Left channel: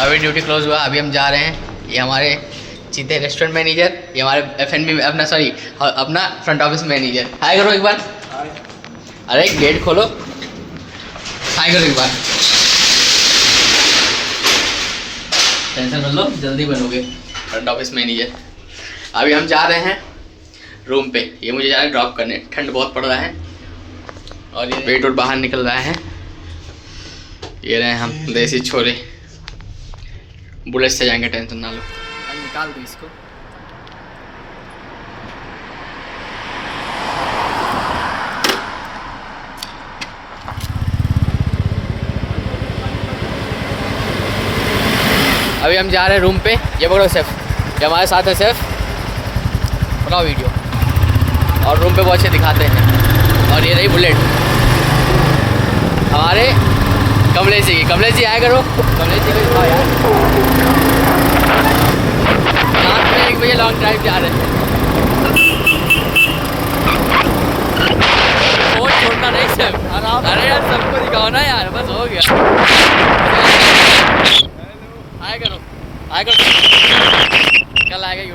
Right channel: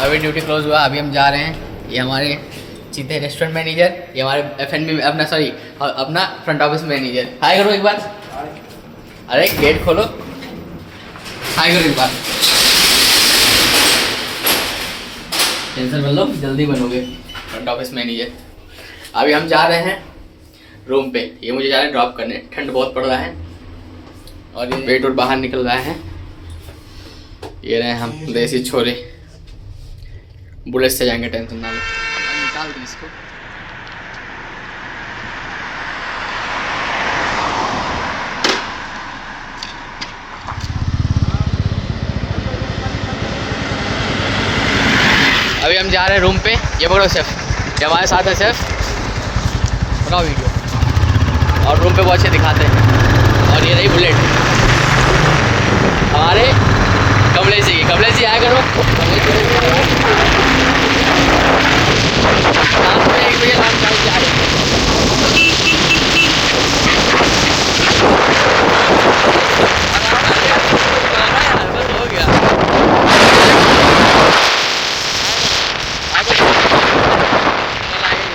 अभी duty close हुआ, अभी हम जा रहे हैं। ये हमारे चीते रेस्टोरेंट मैनेजर, ये हमारे F&B अपना सॉरी अपना फ्रंट ऑफिस मैनेजर। हाय करो एक बार। अरे गेट खोलो, हाय करो एक बार। टेंशन मत लो, जल्दी बनोगे फ्रंट ऑफिस मैनेजर। अभी हम जा रहे हैं रूम पे, ये मुझे जा रहे हैं ड्रॉप करने। ठंड बहुत पड़ रहा है और ये वेट और बाहर निकल रहा है। ये रहे हम देसी छोरे, बुलेट से जाएंगे, टेंशन ना लो। निकाल दी इसको। अभी हम जा रहे हैं रूम पे। ये पकड़ो सेफ, ये हमारे साथ है सेफ, बनाओ वीडियो। और रूम पे बहुत अच्छे दिखाते हैं। और ये रही बुलेट हमारे कमलेश जी की। कमलेश जी आया करो। कमलेश जी शाम में 1 बजे लॉन्च टाइम जा रहे हैं। यार बस हो गया। कल आएगा।